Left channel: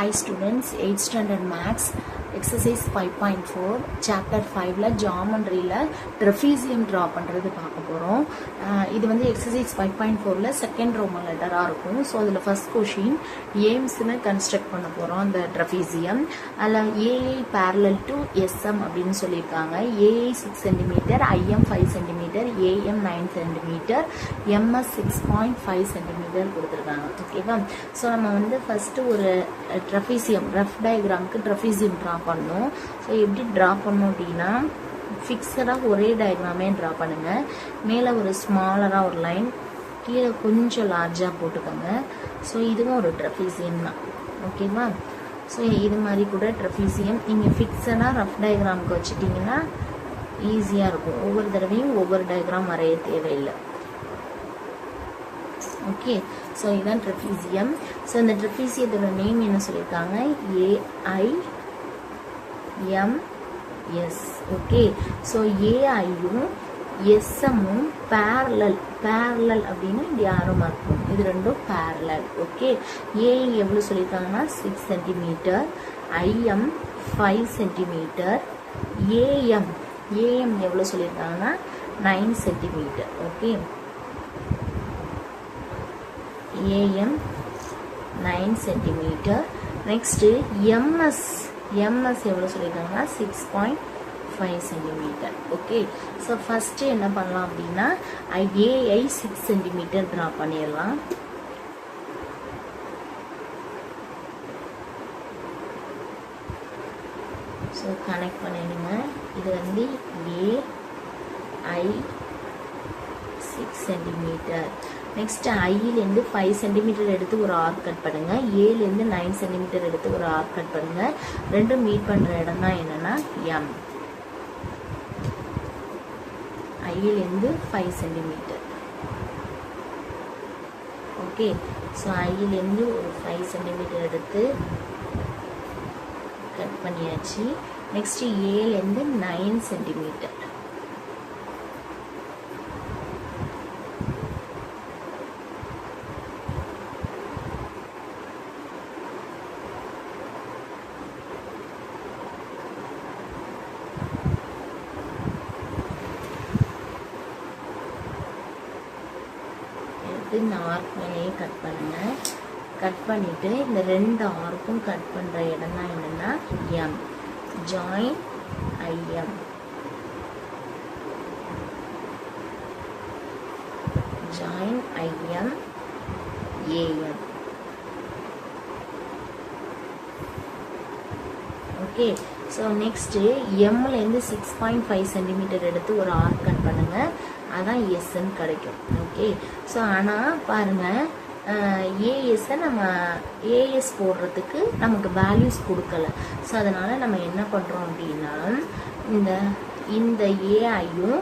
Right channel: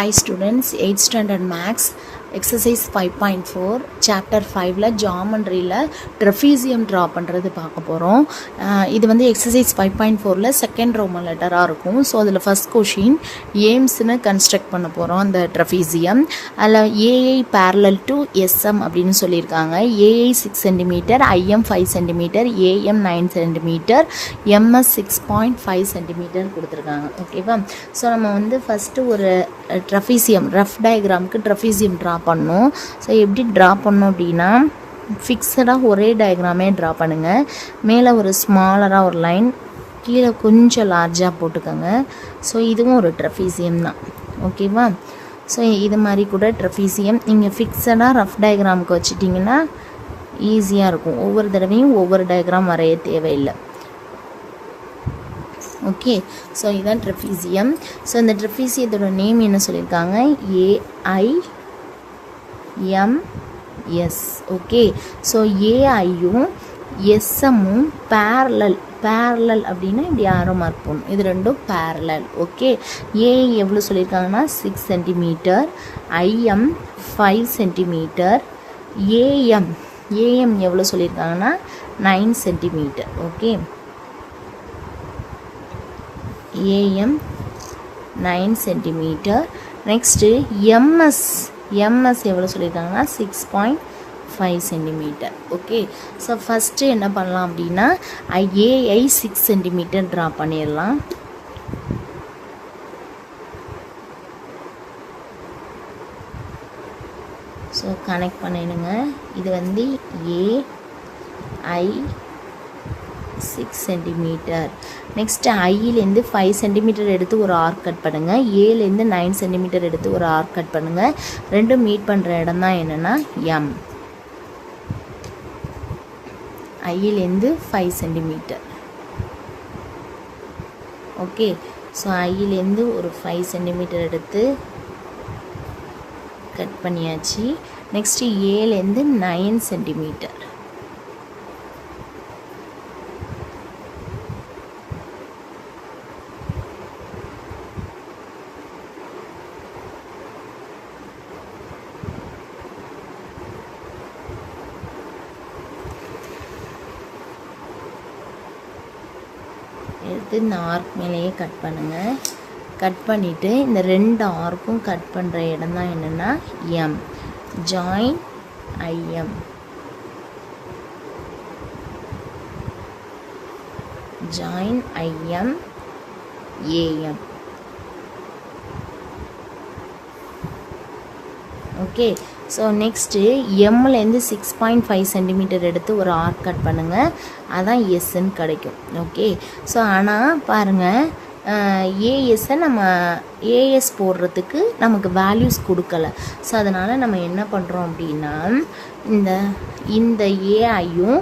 Hi students, 8th standard maths exercise 5.4 chapter 5ல geometryல trapezium draw பண்ணுறது பார்க்க போகிறோம். இது வந்து exercise 5.4ல second Roman letterஆ இருக்கும். ஸோ அதில் first question aims-னு construct பண்ண போகிறோம் அந்த trapezium. அதில் AI parallel to SM அப்படின்னு சொல்லியிருக்காங்க. AI 6 cm, IM 5 cm, AM 9 cm, MS 6.5 cm கொடுத்துருக்காங்க. ஓகேவா? ஸோ நம்ம வந்து ஃபஸ்ட்டு ஒரு ட்ரஃபீசியம் ரஃப் டயக்ராமுக்கு ட்ரஃபீசியம் ட்ரா பண்ணோம். ஸோ எப்படி ட்ரா பண்ணோம் அப்படின்னா ஃபிக்ஸடாக ஒரே டயக்ராமே ட்ரா பண்ணுங்கள். மேலே ஒரு ஸ்மாலராக ஒரு லைன், கீழே கொஞ்சம் லார்ஜாக போட்டுக்கோங்க. ஸோ இதுவும் ஒரு ட்ரஃபீசியம் தான். ஓகேவா? ஸோ இது மாதிரி கூட ட்ரஃபீசியம் நீங்கள் ஃபிக்ஸடாக ரஃப் டயக்ராமுக்கு வச்சுட்டிங்கன்னா ஈஸியாக இருக்கும். ஒவ்வொரு தடவையும் ஒவ்வொரு டயக்ராம் வரைய தேவையில்லை. ஓகே, ஸோ இதுதான் ட்ரஃபீசியம். ஸோ இந்த ட்ரஃபீசியத்தோட நேம் என்ன சொல்லியிருக்காங்க? AIMS. ஓகே, ஸோ ஏஐயும் எஸ்எம்மும் பேரலல் அப்படின்னா இப்படி ஆரோ மார்க் பண்ணும். இது ரெண்டும் பேரலல். ஓகே, ஏஐ எவ்வளோ சொல்லியிருக்காங்கன்னா 6 cm, IM 5 cm, AM எவ்வளோ சொல்லியிருக்காங்கன்னா 9 cm. Okay, AM 9 cm. Next MS எவ்வளோ சொல்லியிருக்காங்கன்னா 6.5 cm. ஓகே, ஸோ ஃபஸ்ட்டு என்ன பண்ணலாம் அப்படின்னா AI 6 cm ட்ரா பண்ணிடலாம். ஸோ கனெக்ட் பண்ணிடுங்க. இது வந்து AI 6 cm. நெக்ஸ்ட்டு ஐயிலேருந்து 5 cm எடுத்து ஒரு ஆர்க் கட் பண்ணுங்கள். ஏலேருந்து 9 cm எடுத்து ஒரு ஆர்க் கட் பண்ணுங்கள். ரெண்டும் மீட் பண்ணுற இடம் தான் என்னென்னா M. ஐயிலேருந்து 5 cm. ஓகே, ஸோ ஐயிலேருந்து ஒரு 5 cm எடுத்து கட் பண்ணியாச்சு. நெக்ஸ்ட்டு ஏலேருந்து 9 cm. எடுத்து இந்த ஆர்க் மேலேயே கட் பண்ணுங்கள். கட் பண்ணிவிட்டு இந்த ரெண்டு ஆர்க்கும் கட் பண்ணுற இடம் தான் என்னென்னா M. Join IM. Join IM AM. Okay, so next எம்லேருந்து 6.5 cm எடுத்து ஒரு ஆர்க் கட் பண்ணுங்கள். அதான் எஸ்ன்னு கிடைக்கும். ஓகே, ஸோ ஆனால் பாருங்கள், ஏஎஸ்ஸை நம்ம ஏஎஸ் போடுறதுக்கு நமக்கு வேல்யூஸ் கொடுக்கல. ஸோ அதனால் நம்ம என்ன பண்ணுறோம் அப்படின்னா இந்த ஏஐயும்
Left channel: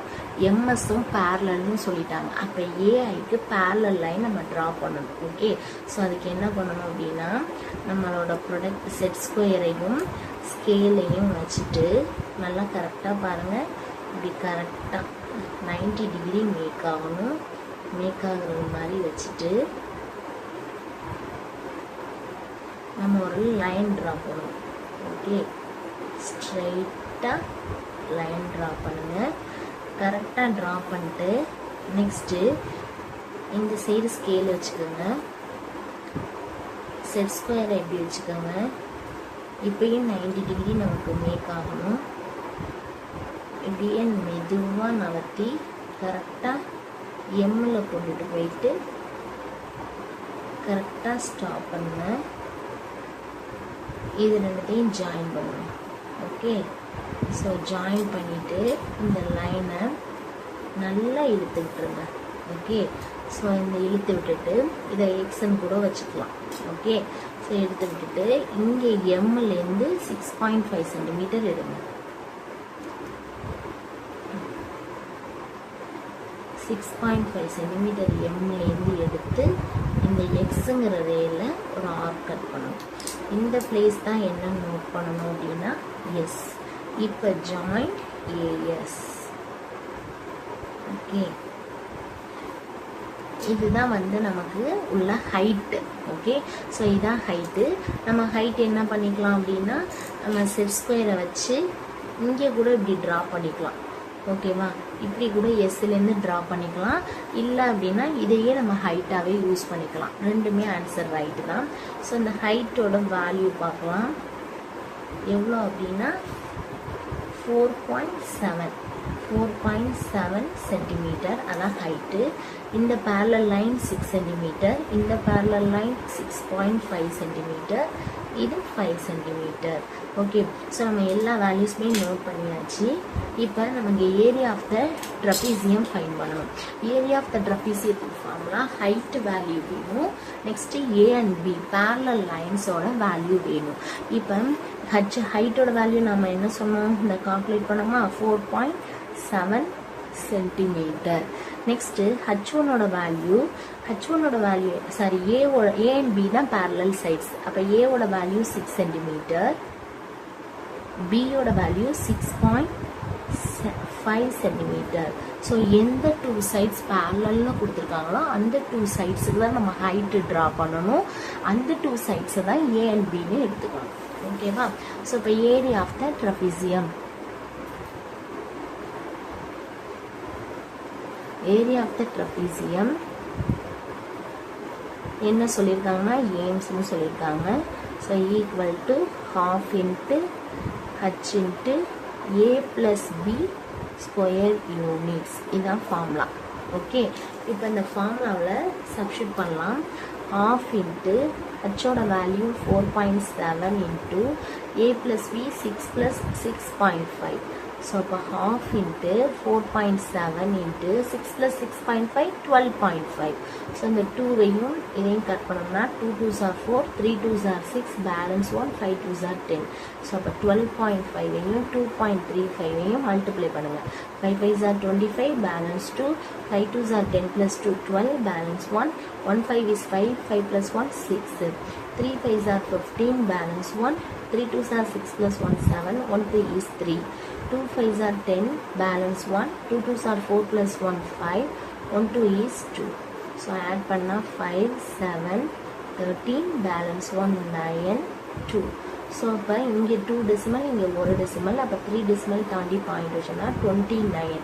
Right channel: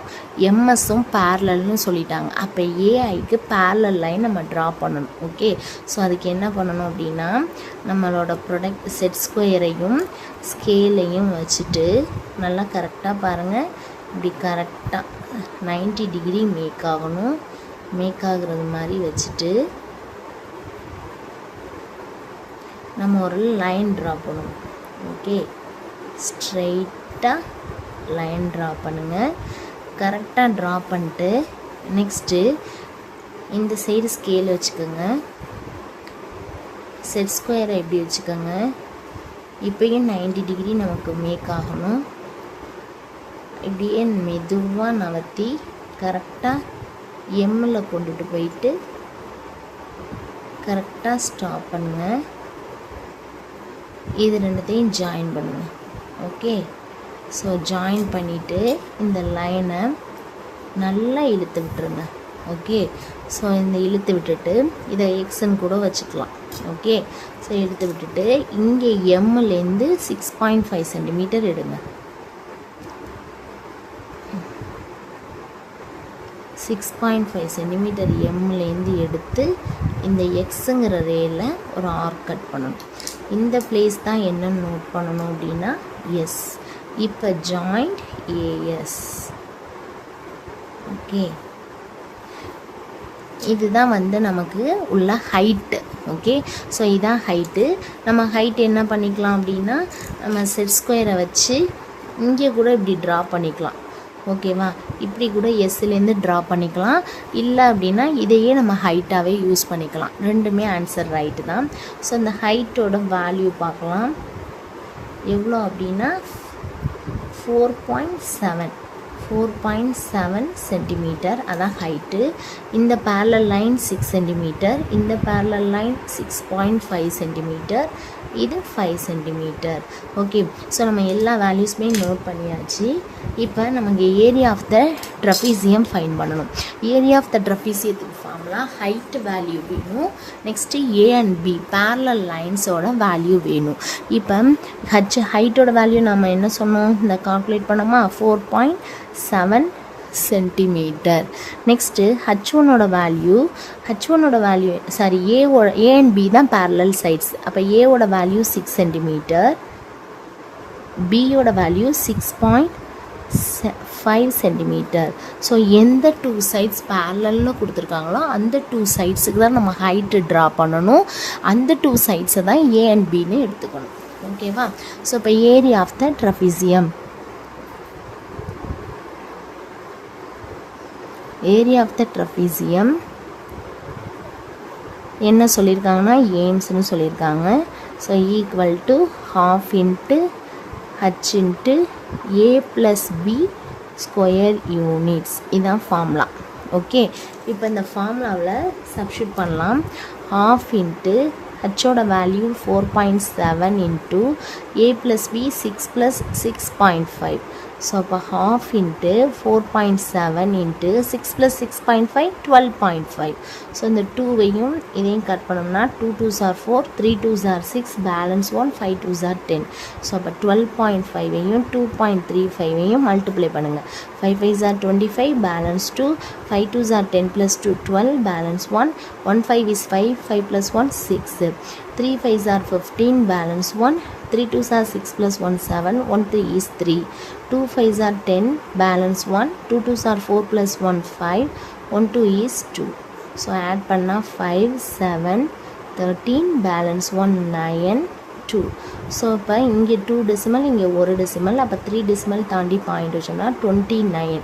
எம்எஸும் பேரலல்னு சொல்லிட்டாங்க. அப்போ ஏஐக்கு பேரலல் லைன் நம்ம ட்ரா பண்ணணும். ஓகே, ஸோ அதுக்கு என்ன பண்ணணும் அப்படின்னா நம்மளோட ப்ராடக்ட் செட் ஸ்கொயரையும் ஸ்கேலையும் வச்சுட்டு நல்லா கரெக்டாக பாருங்கள், இப்படி கரெக்டாக 90 டிகிரி மேக் ஆகணும். மேக் ஆகுறது மாதிரி வச்சுட்டு நம்ம ஒரு லைன் ட்ரா பண்ணுவோம். ஓகே, ஸ்ட்ரெயிட்டாக லைன் ட்ரா பண்ணுங்கள். கரெக்டாக ட்ரா பண்ணிட்டு நெக்ஸ்ட்டு இந்த சைடு ஸ்கேல் வச்சுக்கோங்க. செட் ஸ்கொயரை எப்படி வச்சுக்கோங்க. இப்போயும் 90 டிகிரி நமக்கு மேக் ஆகணும். இப்படியே மெதுவாக நகர்த்தி கரெக்டாக எம்மில் கொண்டுட்டு போயிட்டு கரெக்டாக ஸ்டாப் பண்ணுங்கள். இது ரெண்டுத்தையும் ஜாயின் பண்ணுங்கள். ஓகே, ஸோ ஜாயின் பண்ணிவிட்டு இந்த லைனை நல்லா இழுத்து விட்டுருங்க. ஓகே, ஸோ இந்த இழுத்து விட்டுட்டு இதை எக்ஸ்ன்னு கூட வச்சுக்கலாம். ஓகே, ஸோ இழுத்து விட்டுட்டு இங்கே எம்லேருந்து 6.5 cm எடுங்க. 6.5 cm எம்லேருந்து எடுத்து இந்த எக்ஸுங்கிற ரேல ஒரு ஆர்க் கட் பண்ணணும். இந்த பிளேஸ் தான் என்னன்னு நோட் பண்ணணும் அப்படின்னா எஸ். இப்போ ஜாயிண்ட் ஏஎஸ். ஓகே, இதுதான் வந்து நமக்கு உள்ள ஹைட்டு. ஓகே, ஸோ இதான் ஹைட்டு. நம்ம ஹைட் என்ன பண்ணிக்கலாம் அப்படின்னா, நம்ம செட் ஸ்கொயரை வச்சு இங்கே கூட இப்படி ட்ரா பண்ணிக்கலாம். ஓகேவா, இப்படி கூட எஸ்லேருந்து ட்ரா பண்ணிக்கலாம். இல்லை அப்படின்னா இதையே நம்ம ஹைட்டாகவே யூஸ் பண்ணிக்கலாம். ரெண்டுமே ஆன்சர் ரைட்டு தான். ஸோ இந்த ஹைட்டோட வேல்யூ பார்க்கலாம். எவ்வளோ அப்படின்னா 4.7 சென்டிமீட்டர், அதான் ஹைட்டு. இந்த பேரலல் லைன் 6 சென்டிமீட்டர், இந்த பேரலல் லைன் 6.5 சென்டிமீட்டர், இது 5 சென்டிமீட்டர். ஓகே, ஸோ நம்ம எல்லா வேல்யூஸுமே நோட் பண்ணியாச்சு. இப்போ நமக்கு area of the trapezium find பண்ணணும். ஏரியா ஆஃப் த ட்ரபீசியத்துக்கு ஃபார்முலா ஹைட் வேல்யூ வேணும். Next A and B parallel லைன்ஸோட வேல்யூ வேணும். இப்போ ஹைட்டோட வேல்யூ நம்ம என்ன சொன்னோம், இந்த கால்குலேட் பண்ணோமா, 4.7 சென்டிமீட்டர். நெக்ஸ்ட்டு ஹச்1ஓட value sorry A and B தான் பேரலல் சைட்ஸ். அப்போ ஏவோட வேல்யூ 6 சென்டிமீட்டர், பியோட வேல்யூ 6.5 சென்டிமீட்டர். ஸோ எந்த 2 சைட்ஸ் பேரலல்னு கொடுத்துருக்காங்களோ அந்த 2 சைட்ஸுக்கு தான் நம்ம ஹைட்டு ட்ரா பண்ணணும். அந்த 2 சைட்ஸை தான் ஏ அண்ட் பின்னு எடுத்துக்கணும். ஓகேவா, ஸோ இப்போ area of the trapezium, area of the trapezium என்ன சொல்லியிருக்காங்கன்னா ஏம்ஸ்னு சொல்லியிருக்காங்க. So equal to ½ into H into A plus B square units. இதுதான் ஃபார்முலா. ஓகே, இப்போ இந்த ஃபார்முலாவில் சப்ஸ்டியூட் பண்ணலாம். ½ இன்ட்டு ஹச்சோட value 4.7 into A plus B 6 plus 6.5. So அப்போ ½ இன்ட்டு 4.7 இன்ட்டு 6 ப்ளஸ் 6.5 12.5. ஸோ இந்த 2வையும் இதையும் கட் பண்ணோம்னா 2 2s are 4, 3 2s are 6, balance 1, 5 2s are 10. So அப்போ 12.5வையும் 2.35வையும் மல்டிப்ளை பண்ணுங்கள். 5 5s are 25, balance 2, 5 2s are 10 plus 2 12, balance 1, 1 5 is 5, 5 plus 1 6, 3 5s are 15, balance 1, 3 2s are 6 plus 1 7, 1 3 is 3, 2 5s are 10, balance 1, 2 2s are 4 plus 1 5, 1 2 is 2. So add பண்ணா 5 7 13, balance 1 9 2. So இப்போ இங்கே 2 decimal, இங்கே 1 decimal, அப்போ 3 decimal தாண்டி point வச்சோம்னா 29.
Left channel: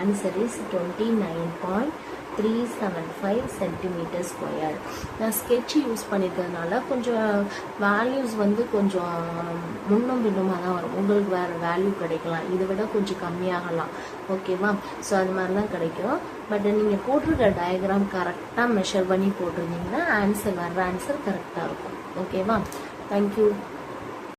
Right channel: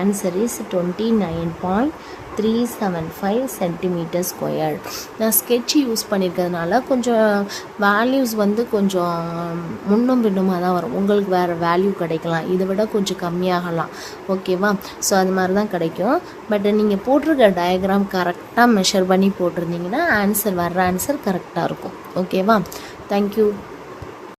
Answer is 29.375 centimetre square. நான் sketch use பண்ணியிருக்கிறதுனால கொஞ்சம் values வந்து கொஞ்சம் முன்னும் பின்னுமாக தான் வரும். உங்களுக்கு வேறு வேல்யூ கிடைக்கலாம், இதை விட கொஞ்சம் கம்மியாகலாம். ஓகேவா, ஸோ அது மாதிரி தான் கிடைக்கும். பட் நீங்கள் போட்டிருக்க டயக்ராம் கரெக்டாக மெஷர் பண்ணி போட்டிருந்தீங்கன்னா வர்ற ஆன்சர் கரெக்டாக இருக்கும். ஓகேவா, தேங்க்யூ.